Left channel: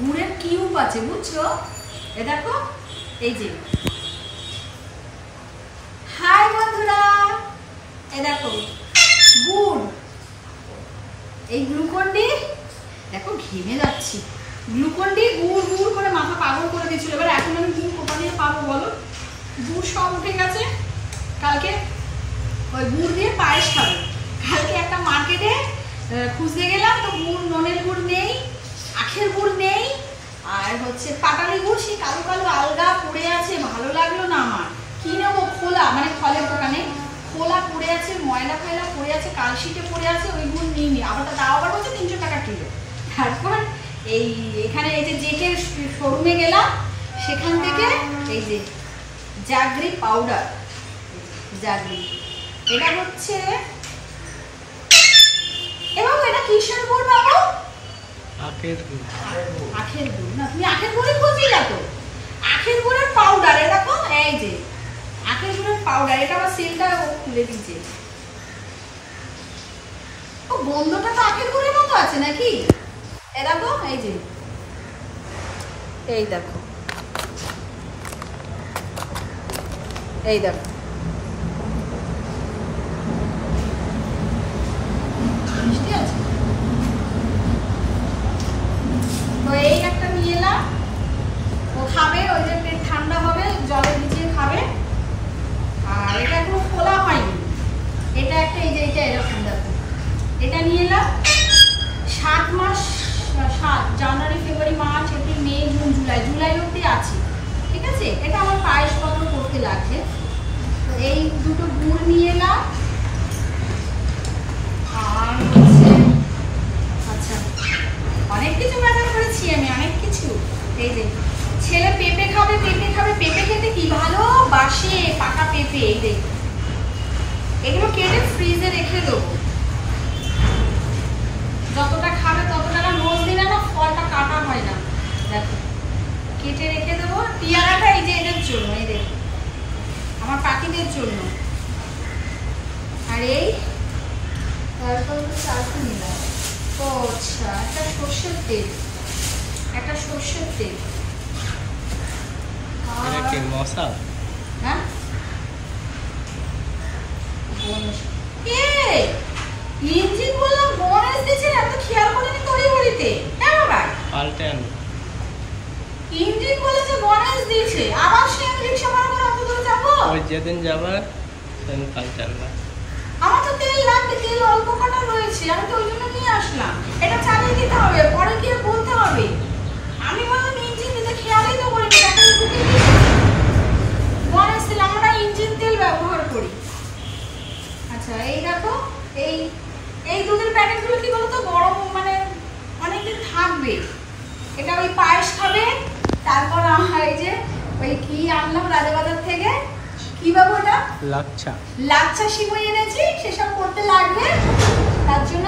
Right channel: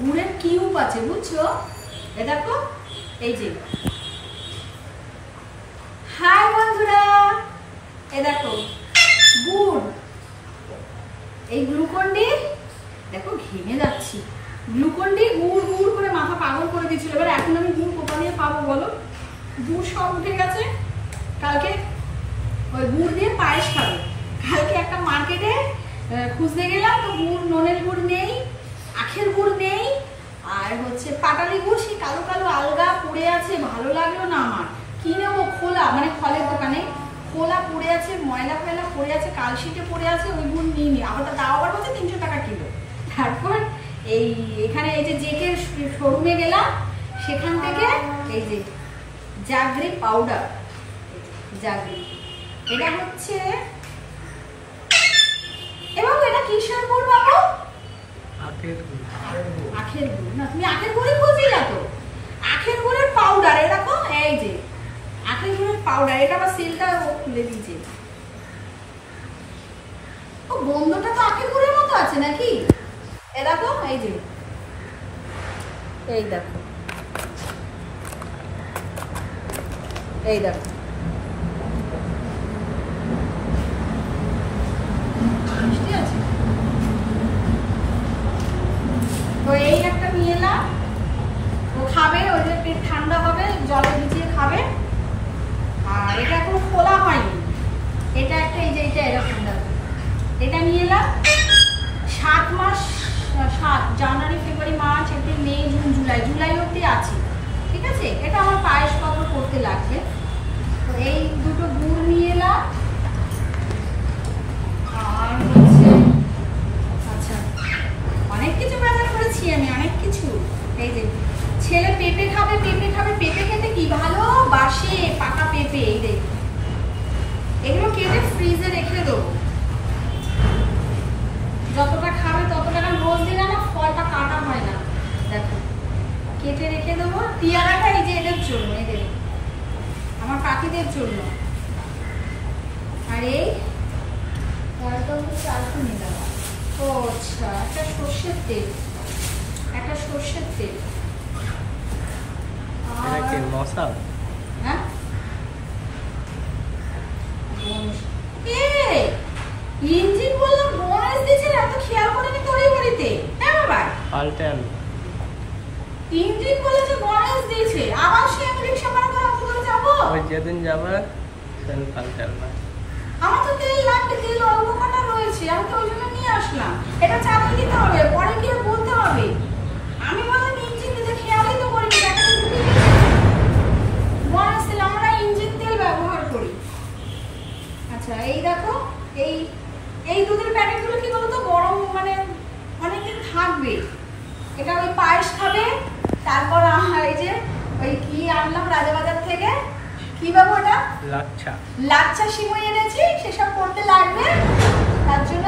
গুড়ের কিউব আছে, বুঝছো? এ দেখো, এই যে। হাই বন্ধুরা, এই দেখো গুড়, এই গ্লুকন্ডি, দেখো ঘেমে যাচ্ছি। গ্লুকন্ডি গুড় গুড় করে মাথা পাগল করে দিচ্ছিল। এবার এখন আমি গুড় কোথা দিয়ে পাবো বলো? গুড় সব উঠে গেছে। কালকে ওই গুড় দিয়ে পায়েস খাবে। কালকে একটা মার্কেটে খুঁজতে গেলাম, তো গুড়, ননের গুড় নেই, আখের গুড় নেই, আর হচ্ছে পাটালি গুড় সেই কালো কালো আলগা পড়ে আছে, ভালো লাগলো না আমার। কি নেবো? খোলা, মানে ফলের দোকানে খোলা পড়ে আছে, ময়লা ফয়লা পড়ে আছে, কালশিটে পড়ে আছে, ওই গুড় নিয়ে নি। আবার দাও আবার বলছে 300 টাকা কিলো। তারপর এই এখানে এই যে জেকের শোরুমে গেলাম, সেখান থেকে এই যে জাগরি পাউডার, জাগরি, এটা হচ্ছে, এবং এটা কিসের গুড় বাবু? আখের গুড়। আখের গুড় না, তুমি আখের গুড়ই খুঁজছিলে তো? আখের গুড়ের পাউডার, এ দেখো, এই যে আখের গুড়ের পাউডার। এটা আবার সেলটা খুলে দিয়েছে। ও গন্ধটা তো আখের গুড়ের মতো আছে নাকি? এ দেখো, এই যে, এই দেখো, এই দেখো, মিষ্টি আছে। তো এই একটা নিয়ে এলাম, ও খাবে, ওই যে পেট ঠান্ডা হবে, জলে ভিজিয়ে খাবে। আর এটা এখনো খোলা হয়নি। এটা একটা, এই যে এটা এরকম দেখো, এটা নিয়ে এলাম। 7 মাস, 7 জানুয়ারি, ফেব্রুয়ারি, মার্চ, এপ্রিল, মে, জুন, জুলাই, জুলাই অবধি আছে, ঠিক আছে? এটা আমার পায়েসপত্র করতে লাগবে। তো এই দুটো গুড় নিয়ে এলাম। আর হচ্ছে, আচ্ছা, অনেক কিছু বাজার করেছি আমি, অনেক কিছু। এই যে ছেলে পেঁপে খাবে, পেঁপে খাবে, পেঁপে খেতে কি ভালোবাসে, পাকা পেঁপে। এই দেখো, এগুলো কেটে ফ্রিজে রেখে দেবো। যতটা খাবে ততটা, রোজ দিনে না ফলটা কাটা হয় না, দেখো কেটে রেখে দেবো। পেয়ারাটা এই যে এদের জন্য, এই দেখো আমার পাখিদের জন্য। আর এই তারপর চালকু নিলাম। ও আচ্ছা, একটা সর্ষের তেল, একটা সর্ষের তেল। এটা কি মশলা? হ্যাঁ, ইঞ্জিন বললাম বোনাস দিয়েছেন, এত খেয়াল করেনি তড়ি ঘড়িতে। হ্যাঁ ভাই, পাল্টে আনবো। ইঞ্জিন বলেছে বোনাস দিয়েছে, আবার সে রিকশা ভাড়া করে অত দূরে যাবো? ওই যেদিন যাবা সেদিন পাল্টে আনবা। আমার তো তেল লাগবে, তেল অল্প কটা রয়েছে, আমি তো ওই জন্য নিয়ে আসলাম। এটা চালিয়ে দিতে হবে, পরে গিয়ে বলতে হবে। আমি বললাম ইঞ্জিন দিতে, খেয়ালই তো করিনি, টাকাটা ঢুকে দিয়েছি। বোনাস তেল, আমরা ইঞ্জিন তেল ব্যবহার করি। আচ্ছা, এই দেখো, এই দুধের প্যাকেটগুলো কি বলতো, গরম মানে অনেকদিন থাকবে। এটা ওই পায়েস খাবে। তারপর এই যে ওই কি আনলাম রাজাবাজার থেকে, কি বাবু ওটা? লাচ্ছা। লাচ্ছা সিমই এনেছি, সেসব করতে লাগবে। তার জন্য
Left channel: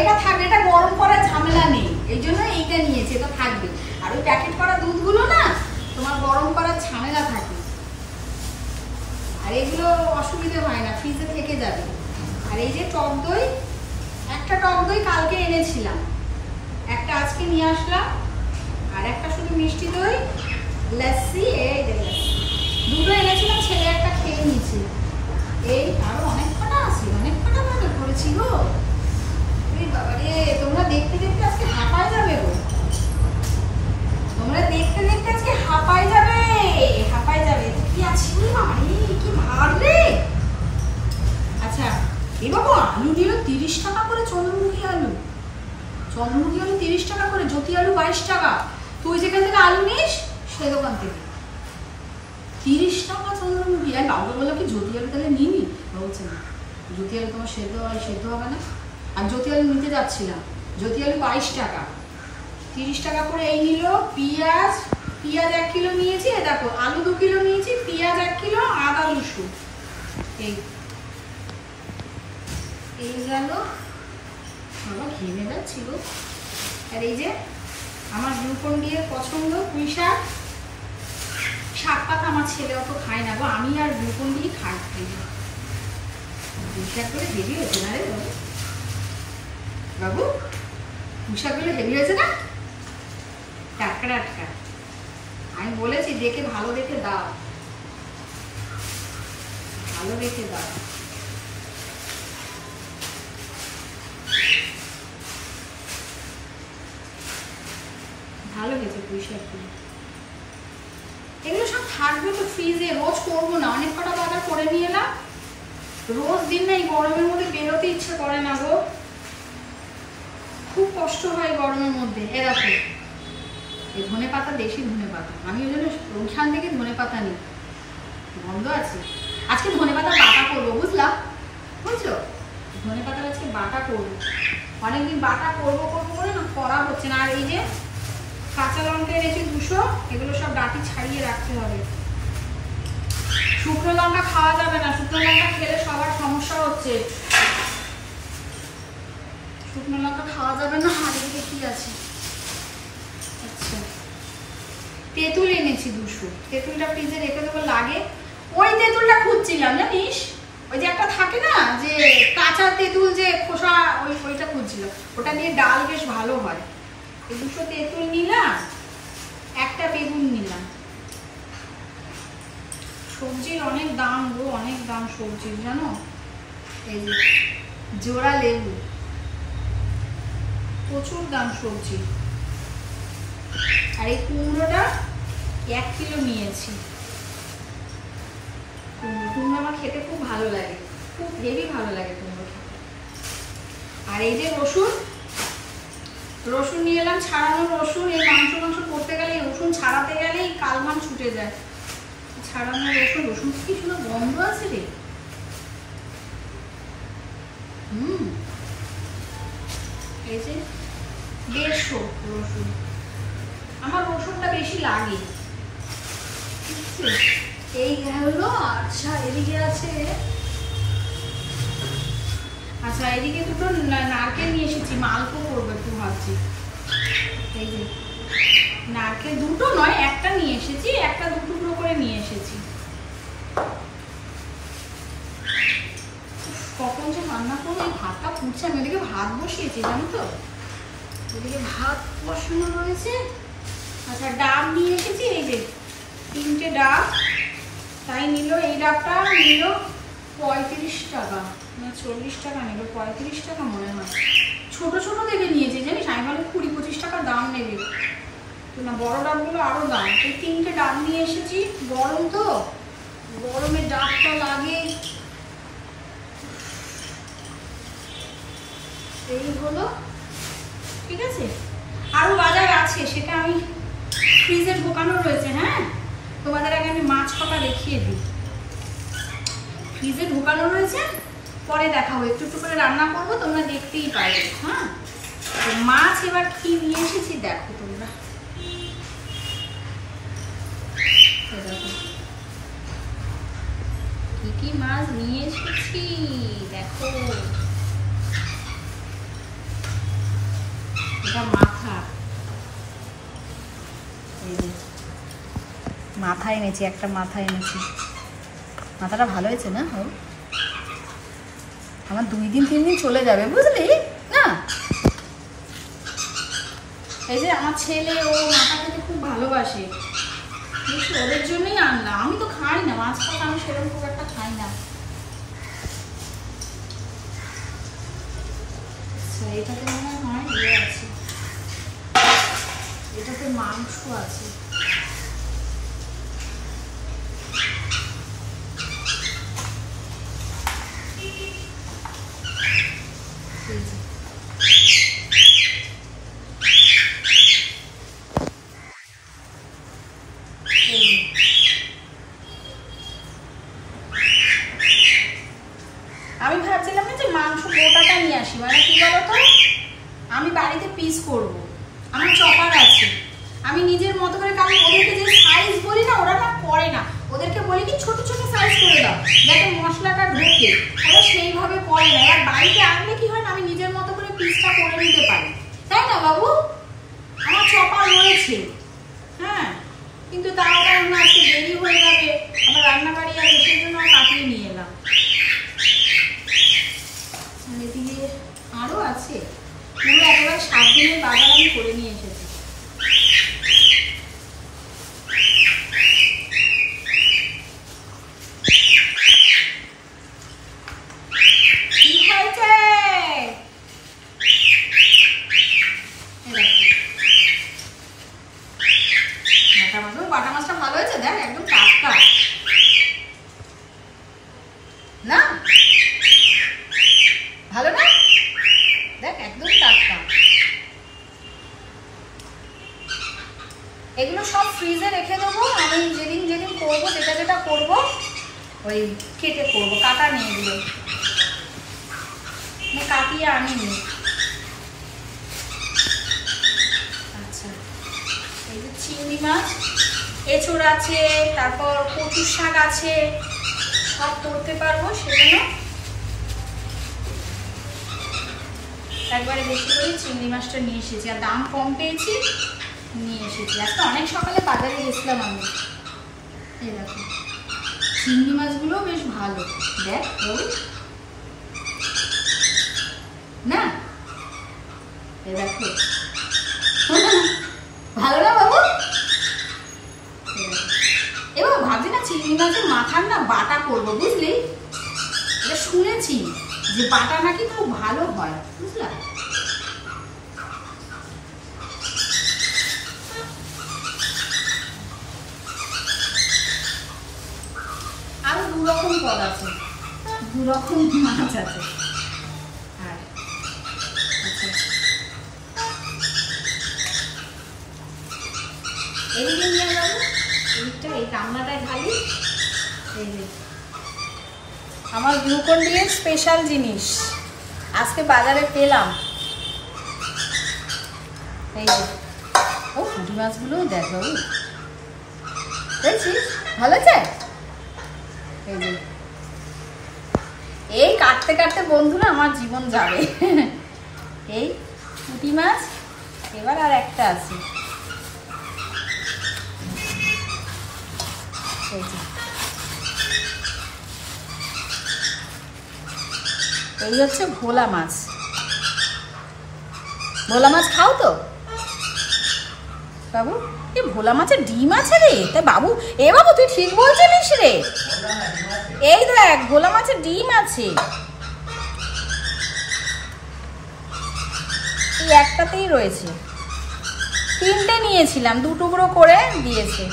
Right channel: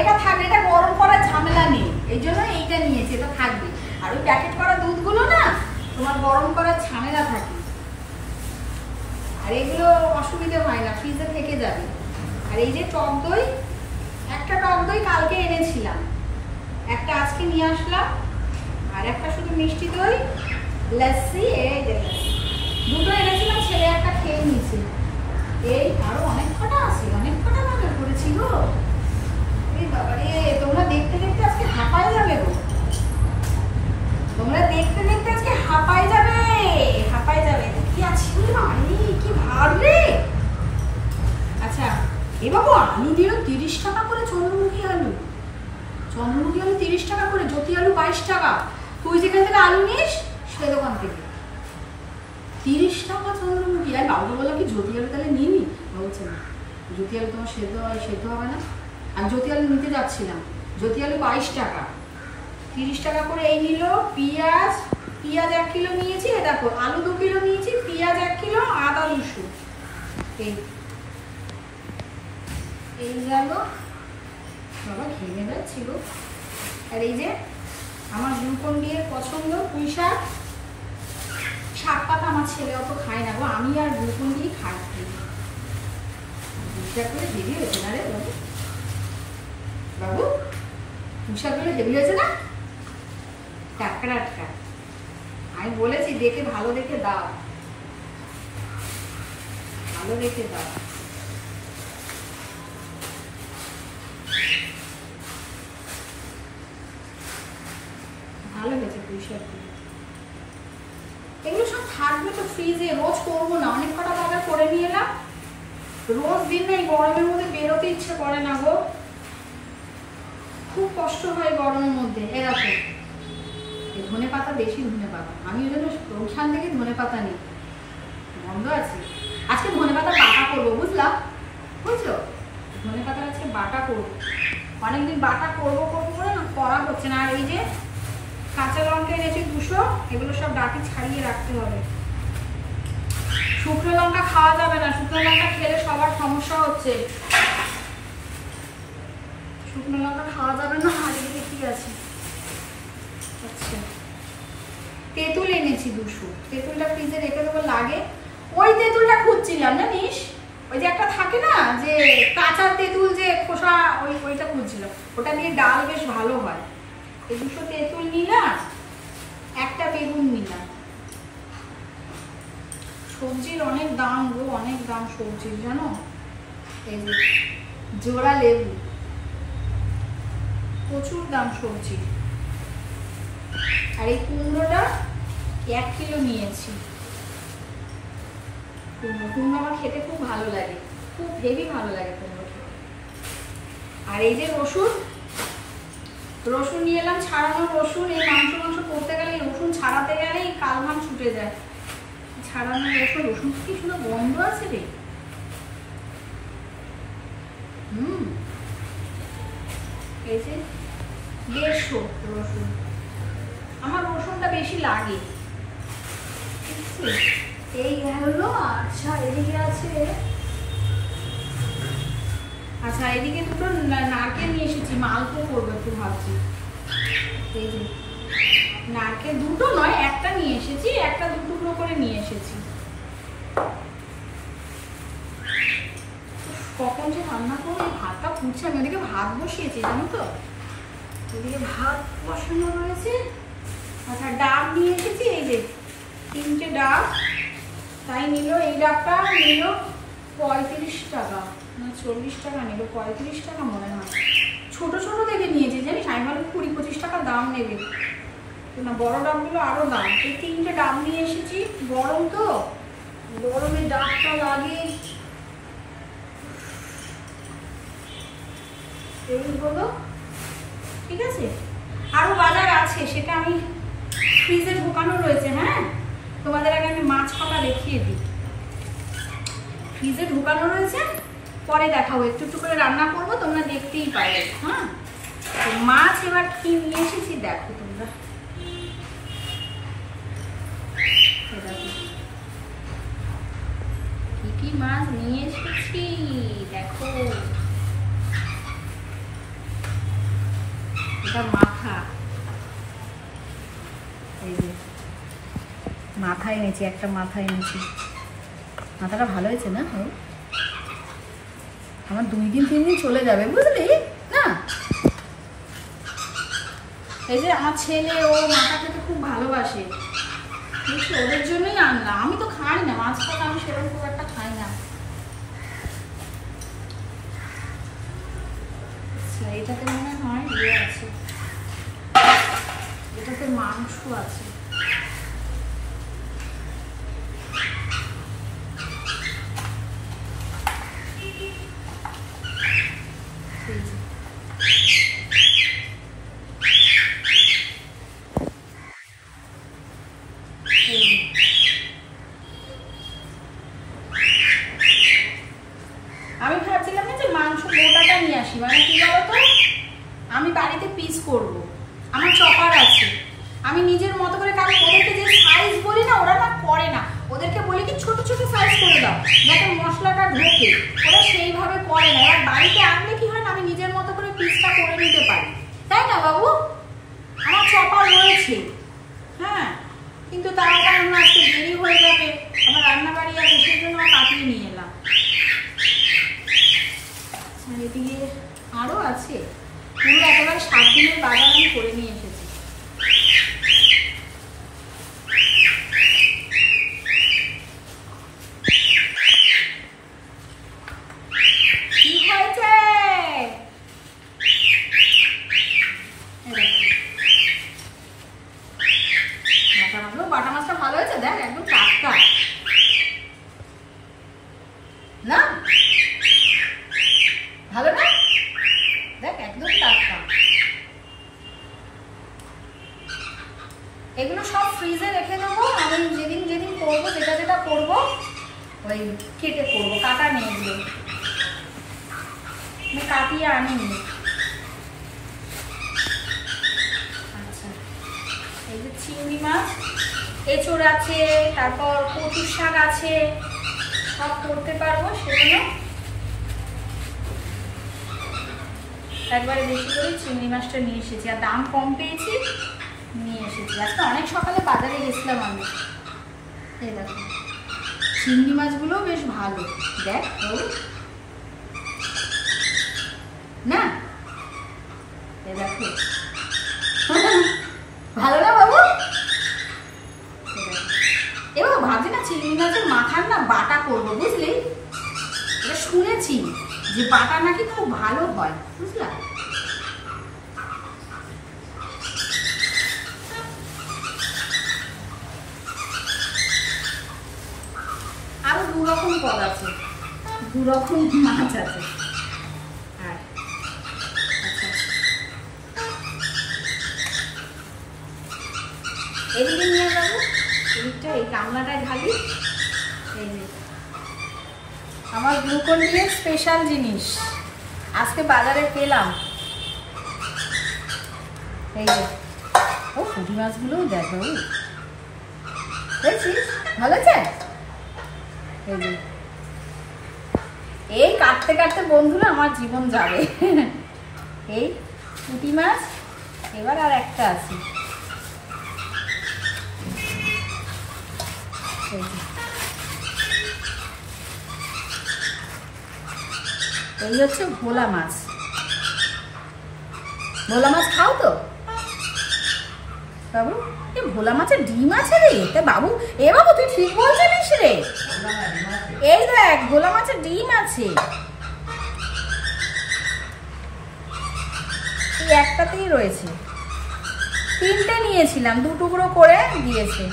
এটা থাকবে, এটা গরম করার ঝামেলা নেই, এই জন্য এইটা নিয়েছি, এটা থাকবে। আর ওই প্যাকেট করা দুধগুলো না তোমার গরম করার ঝামেলা থাকে, আর এগুলো অসুবিধে হয় না, ফ্রিজে থেকে যাবে। আর এই যে টক দই, একটা টক দই কালকে এনেছিলাম, একটা আজকে নিয়ে আসলাম। আর একটা শুধু মিষ্টি দই, লস্যি, এই দেখো দুটো এনেছিলাম, ছেলে একটা খেয়ে নিয়েছে। এই আরো অনেক কটা আছে, অনেক কটা বাজার করেছি গো। এই বাবা রে, তোমরা দেখতে দেখতে আজকে হাঁপায় যাবে গো, তোমরা দেখতে দেখতে আজকে হাঁপায় যাবে, হাঁপায় যাবে। কি আছে আরে, কি ভার রে। আচ্ছা, এ বাবু আলু দিল 30 টাকা করে, চন্দ্রমুখী আলু, চন্দ্রমুখী আলু 30 টাকা করে, জ্যোতি আলু 22 টাকা। তুই যেখান থেকে আলু নিস সেই দোকান থেকে 30 টাকা চন্দ্রমুখী। আর বাবু বললো কি জ্যোতি আলু তাহলে নিয়ে নি? বলছে না, জ্যোতি আলু তোমার সেদ্ধ হবে না। আমি জ্যোতি আলু নিতে যাচ্ছিলাম, জ্যোতি আলু 22 টাকা, 30 টাকা করে এই নিল। পেঁয়াজ 1 কিলো নিয়েছি, দেখো আলু 2 কিলো নিয়েছি, পেঁয়াজ 1 কিলো, আদা 200। এই গেল, বাবা ঘেমে যাচ্ছিল। আর এই যে আমার গ্লুকন্ডির পছন্দ পুঁই শাক, শাক পাতা আমার ছেলে অত খায় না গো, আমি আর গ্লুকন্ডি খাই। পুঁই শাক করে হেভি হয়েছে না রে বাবু? বাবু পুঁই শাক গুলো হেভি হয়েছে না? টাটকা টাটকা। আমি বলেছি দেখে ভালো দেখে দাও, ভালো দেখে দাও। ভালো হয়েছে পুঁই শাকগুলো। এগুলো সব থাকবে তো ফ্রিজে, রোজ করবো না, অনেক কটা বাজার করে নিয়ে এলাম। রোজ দিন না এই গরমের মধ্যে বেরোতে ইচ্ছে করে না গো, খুব কষ্ট হয় গরমের মধ্যে। এরকম এই ধনে পাতা, দেশি ধনে পাতা, আমি ওই জন্য ওইখান থেকে ধনে পাতা নিই, বন্ধ আছে। আজকে ধনে পাতা বাটা করবো, বুঝলা, বুঝছো, ধনে পাতা আজকে বাটা করবো। অনেকদিন বাটা করবো করবো করে না করা হচ্ছে না। আর এই যে কাঁচা লঙ্কা এনেছি 200, এগুলো সব ডাঁটি ছাড়িয়ে রাখতে হবে। শুকনো লঙ্কা খাওয়া যাবে না, শুকনো লঙ্কা খেলে সবার সমস্যা হচ্ছে। শুকনো লঙ্কা খাওয়া যাবে না। আর এদিকে কি আছে, আচ্ছা তেঁতুল এনেছি 200, তেঁতুলটা ফ্রিজে রেখে দেবো, লাগে। ওই তেঁতুলটা খুঁজছিলাম জানিস, ওই যে একটা থাকে না যে কাঁচা তেঁতুল যে খোসা, ওইটা খুঁজছিলাম, ওটা দিয়ে ডাল বেশ ভালো হয়। এই 200 তেঁতুল নিলাম, একটা বেগুন নিলাম। সবজির অনেক দাম গো, অনেক দাম সবজির, জানো। এই যে জোড়া লেবু, প্রচুর দাম সবজি। আর এই কুমড়োটা 1 কিলো নিয়েছি। কুমড়ো আমার খেতে খুব ভালো লাগে, খুব হেভি ভালো লাগে কুমড়ো খেতে। আর এই যে রসুন, রসুন নিয়ে এলাম, ছাড়ানো রসুন। এই মাংস করতে গেলে, রসুন ছাড়াতে গেলেই কালঘাম ছুটে যায়। ছাড়ানো রসুন, রসুন কি সুন্দর গন্ধ আছে রে। এই যে 150 রসুন, আমার রসুনটা বেশি লাগে। এই হলো। আচ্ছা এদিকে আছে, আচ্ছা এদিকে দুটো নারকেল নিয়ে এসেছি, মালপো করবো একটু ভাবছি। এই যে নারকেল, দুটো নয় একটা নিয়ে এসেছি, একটা 2 টুকরো করে নিয়ে এসেছি। কখন যে রান্না করবো, এই ভাতটা ফুটছে, আমি ওদিকে ভাত বসিয়েছি জানো তো, ওদিকে ভাত বসানো রয়েছে। আচ্ছা ডাব নিয়ে এসেছি, এই যে 3টে ডাব, তাই নিল। এই ডাবটা নিল 35 টাকা না 40 টাকা নিল, 35 টাকা মনে হয়। ছোট ছোট দেখে নিয়েছি জানিস, আমি ভালো 20-25 টাকা দাম নেবে না, বড় ডাবগুলো আরো দাম। এই 3টে ডাব নিয়ে এসেছি, গরম তো, গরমে ডাবটা লাগে। এই হলো, ঠিক আছে। আরো বাজার আছে, সেটা আমি ফ্রিজে ঢোকানো রয়েছে। হ্যাঁ, তোমাদের আগে আমি মাছ কটা দেখিয়ে দিই। ফ্রিজে ঢোকানো রয়েছে, পরে দেখাবো, একটু একটু করে রান্না করবো, তোমরা দেখতেই পারবে। হ্যাঁ, তো মাছ এবার কি নিয়ে এসেছি দেখো তোমরা। কি কি মাছ নিয়ে এসেছি দেখো। এটা মাথা, মাথা এনেছি, একটা মাথা এনেছি। মাথাটা ভালো হয়েছে না? আমার 2 দিন 3 দিন চলে যাবে, বুঝলি না। এই যে আমার ছেলে, ও মাথা খেতে খুব ভালোবাসে, ওদের জন্যই আনলাম। আমি তো খাই না মাছ, খাই আমি সেরকম খুব একটা খাই না। এটাতে মনে হয় ইয়ে আছে, এটাতে মাংস আছে। আমি ভাবছিলাম না যে মাংস গোটাটা নিয়ে আসি, মানে কি বলতো, আমি বাড়িতে পিস করব, আমার চপার আছে, আমি নিজের মতো করে, কারণ ওদেরকে যে সাইজ বলি না, ওরা না করে না, ওদেরকে বলি কি ছোট ছোট সাইজ করে দাও যাতে মশলাটা ঢোকে, ওরা সেইভাবে করে না। এবার বাড়িতে আনলে কি হয় না, আমি নিজের মতো করে পিসটা করে নিতে পারি, তাই না বাবু? আমার চপার রয়েছে। হ্যাঁ, কিন্তু তাও কারণ আজকে দেরি হয়ে যাবে, আমার রান্নাবাড়ি আছে, সেই জন্য কাটিয়ে নিয়ে এলাম। এদিকে আরো আছে, পুরো একেবারে 7 দিনের বাজার আমি করে নিয়ে এসেছি। এগুলো সব ফ্রিজে রেখে দেবো। আমি যেদিন যেদিন করবো, যেটা যেটা করবো ওই কেটে করবো, কাটা নেই এগুলো, কাটিয়ে আনিনি। আচ্ছা, এই যে চিংড়ি মাছ, এঁচড় আছে, তারপর কচুর শাক আছে, সব করতে পারবো। সেজন্য একবারে বেশি করে চিংড়ি মাছটা নিয়ে এসেছি, আর দাম কম পেয়েছি নিয়ে এসেছি। আজকে অনেক সকালে বাজারে গেছিলাম আমি। এই দেখো চিংড়ি মাছগুলো বেশ ভালো, দেখ না, এই দেখো ভালো না বাবু? এবার ভাবছি না চিংড়ি মাছের মাথার না বাটা করবো, বুঝলি? এটা শুনেছি যে বাটা নাকি খুব ভালো হয়, বুঝলা? আরো দু রকম পদ আছে, দু রকম মাছ আছে। আর আচ্ছা, এদিকে নিয়ে যাবো, এইটা এই কামনাটায় ঢালি। এই যে আমার গ্লুকন ডি এর স্পেশাল জিনিস আজকে বাজারে পেলাম। এই যে ও পুঁটি মাছগুলোও দেখো, দেখছিস ভালো আছে। এই যে এই কাটতে কাটতে বন্ধুরা আমার জীবন যাবে। এই পুঁটি মাছ, এবার আর একটা আছে। এই হচ্ছে ভোলা মাছ। ভোলা মাছ খাও তো বাবু? এ ভোলা মাছের ডিম আছে রে, তা বাবু এ বাবু তুই ঠিক বলছিস রে। এই দেখ ভোলা মাছের ডিম আছে, এই একটাতেই রয়েছে, তিনটে নিয়েছিলাম, দু টুকরো করে দিয়েছে।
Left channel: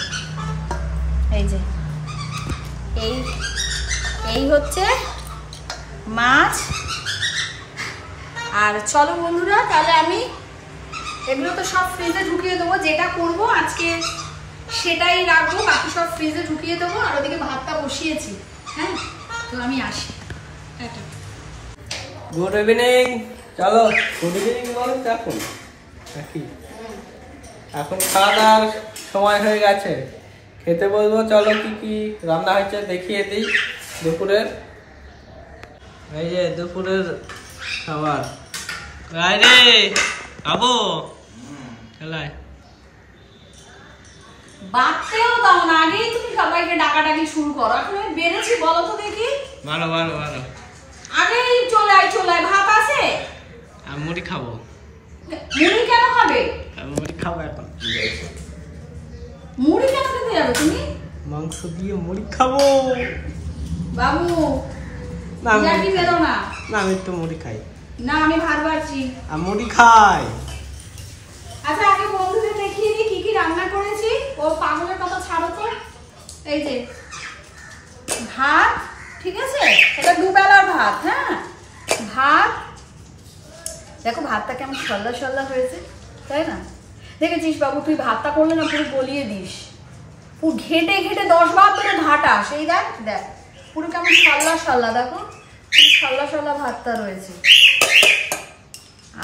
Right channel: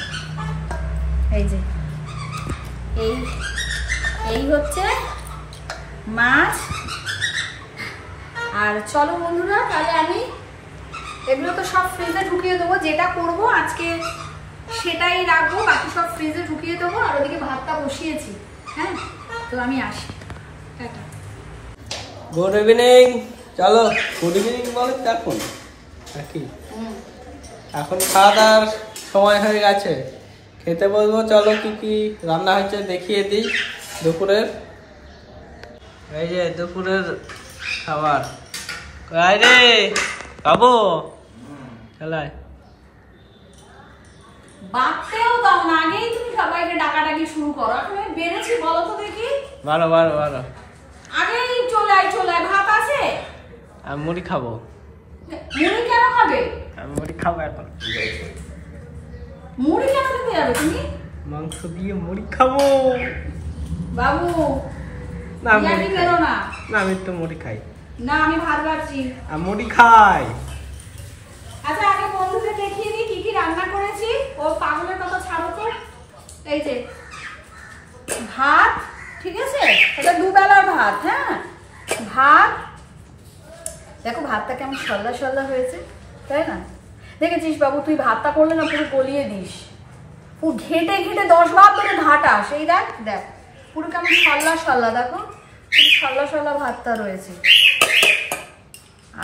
এই যে এই এই হচ্ছে মাছ। আর চলো বন্ধুরা, তাহলে আমি এগুলো তো সব ফ্রিজে ঢুকিয়ে দেবো, যেটা করব আজকে সেটাই রাখবো, বাকি সব ফ্রিজে ঢুকিয়ে দেবো। আর ওদিকে ভাতটা বসিয়েছি। হ্যাঁ, তো আমি আসি, টাটা। Good evening. চলো গুড ইভিনিং বলো এখন নাকি? এখন খাওয়া দাওয়ার সময় হয়ে গেছে, খেতে বলবো। চলো কি কি রান্না হয়েছে দেখিয়ে দিই দুপুরের। এই যে দুপুরের খাবার। রে বাবু খেলায় বাড়তেও দাও না, আগেই তুমি সবাইকে ডাকাডাকি শুরু করো। এখন আমি বেড়েছি বলো তো দেখি? বারো বারো বারো আগেই চলে আয়, চলে আয়। ভাত আছে? আমি মুড়ি খাবো। মুড়ি কেন খাবে? আমি মুড়ি খাবো এখন। মুড়ি কেন খেতে যাবে তুমি? মাংস দিয়ে মুড়ি খাবো বাবু না, আমি বেরো না। না আমি তো মুড়ি খাই না, আমি ভাত বাড়ছি। আমি মুড়ি খাই। আচ্ছা আগে বন্ধুদের দেখিয়ে দিই কি কি রান্না করেছি। ও পাগলের কথা ছাড়ো তো। এই যে ভাত, ঠিক আছে, এটা দুবেলার ভাত। হ্যাঁ, ভাত দেখো ভাতটা কেমন সল্লা সল্লা হয়েছে, তাই না? দেখেছিস বাবু, তুই ভাতটা করলে না পুরো গলিয়ে দিস, পুরো ঘেটে ঘেটে 10 বার ধরে ঘাটা। সেই দেখ দেখ পুরো কেমন সল্লা সল্লা, দেখো সল্লা সল্লা ভাতটা রয়েছে।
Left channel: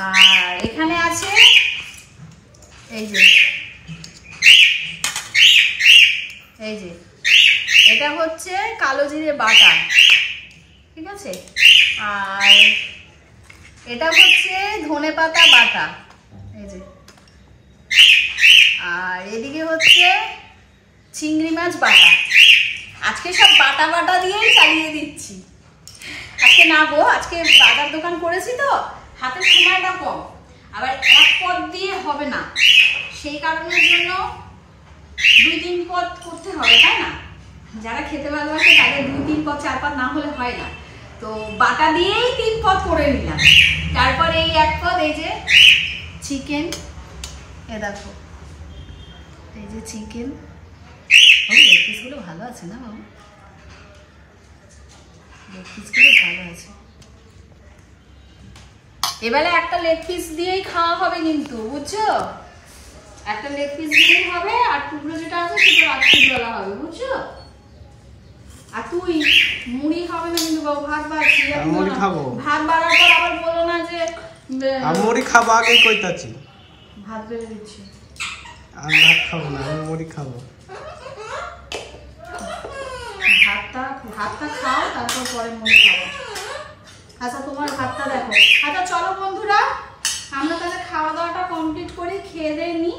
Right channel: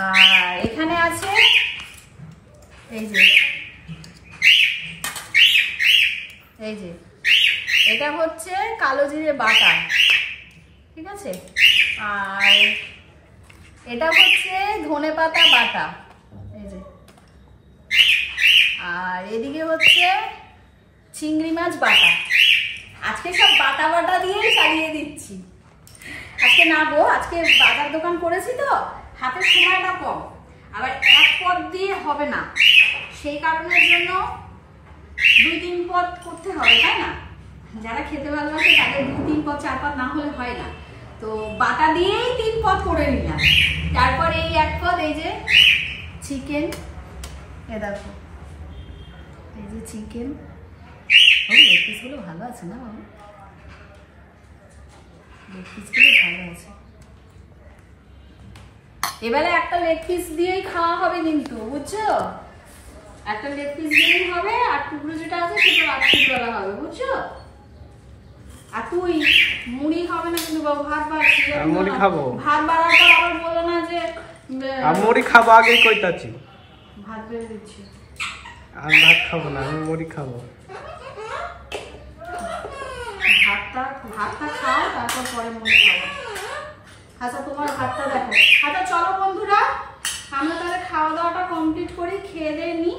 আর এখানে আছে এই যে এই যে এটা হচ্ছে কালো জিরে বাটা, ঠিক আছে। আর এটা হচ্ছে ধনেপাতা বাটা, এই যে। আর এদিকে হচ্ছে চিংড়ি মাছ বাটা। আজকে সব বাটা বাটা দিয়েই চালিয়ে দিচ্ছি। আজকে না গো, আজকে বাজার দোকান করেছি তো, হাতের সময়টা কম, আবার এক পদ দিয়ে হবে না, সেই কারণের জন্য 2-3 পদ করতে হবে, তাই না? যারা খেতে ভালোবাসে তাদের 2-3 পদ 4 পদ না হলে হয় না। তো বাটা দিয়েই 3 পদ করে নিলাম। তারপরে এই এক পদ, এই যে চিকেন, এ দেখো এই যে চিকেন। ও লেগ পিসগুলো ভালো আছে না বাবু? লেগ পিসগুলো ভালো আছে। এবারে একটা লেগ পিস দিয়েই খাওয়া হবে কিন্তু, বুঝছো? একটা লেগ পিস দিলেই হবে, আর টুকরো যেটা আছে সেটা রাত্রিবেলা হবে, বুঝছো? আর তুই মুড়ি খাবে না কিন্তু বাবু, ভাত বাড়ছি। মুড়ি খাবো। ভাত বাড়ার পর আবার বলো না যে আমি মুড়ি খাবো আগে কইতাছি। ভাত বেড়ে দিচ্ছি। আমি ভাত খাবো না, আমি মুড়ি খাবো। ভাতটা খাও, তারপর পরে মুড়ি খাবো। আচ্ছা তোমার ভাতটা দেখো। আচ্ছা চলো বন্ধুরা, আমরা তাহলে খাওয়া দাওয়াটা কমপ্লিট করি, খেয়ে দিয়ে নিই।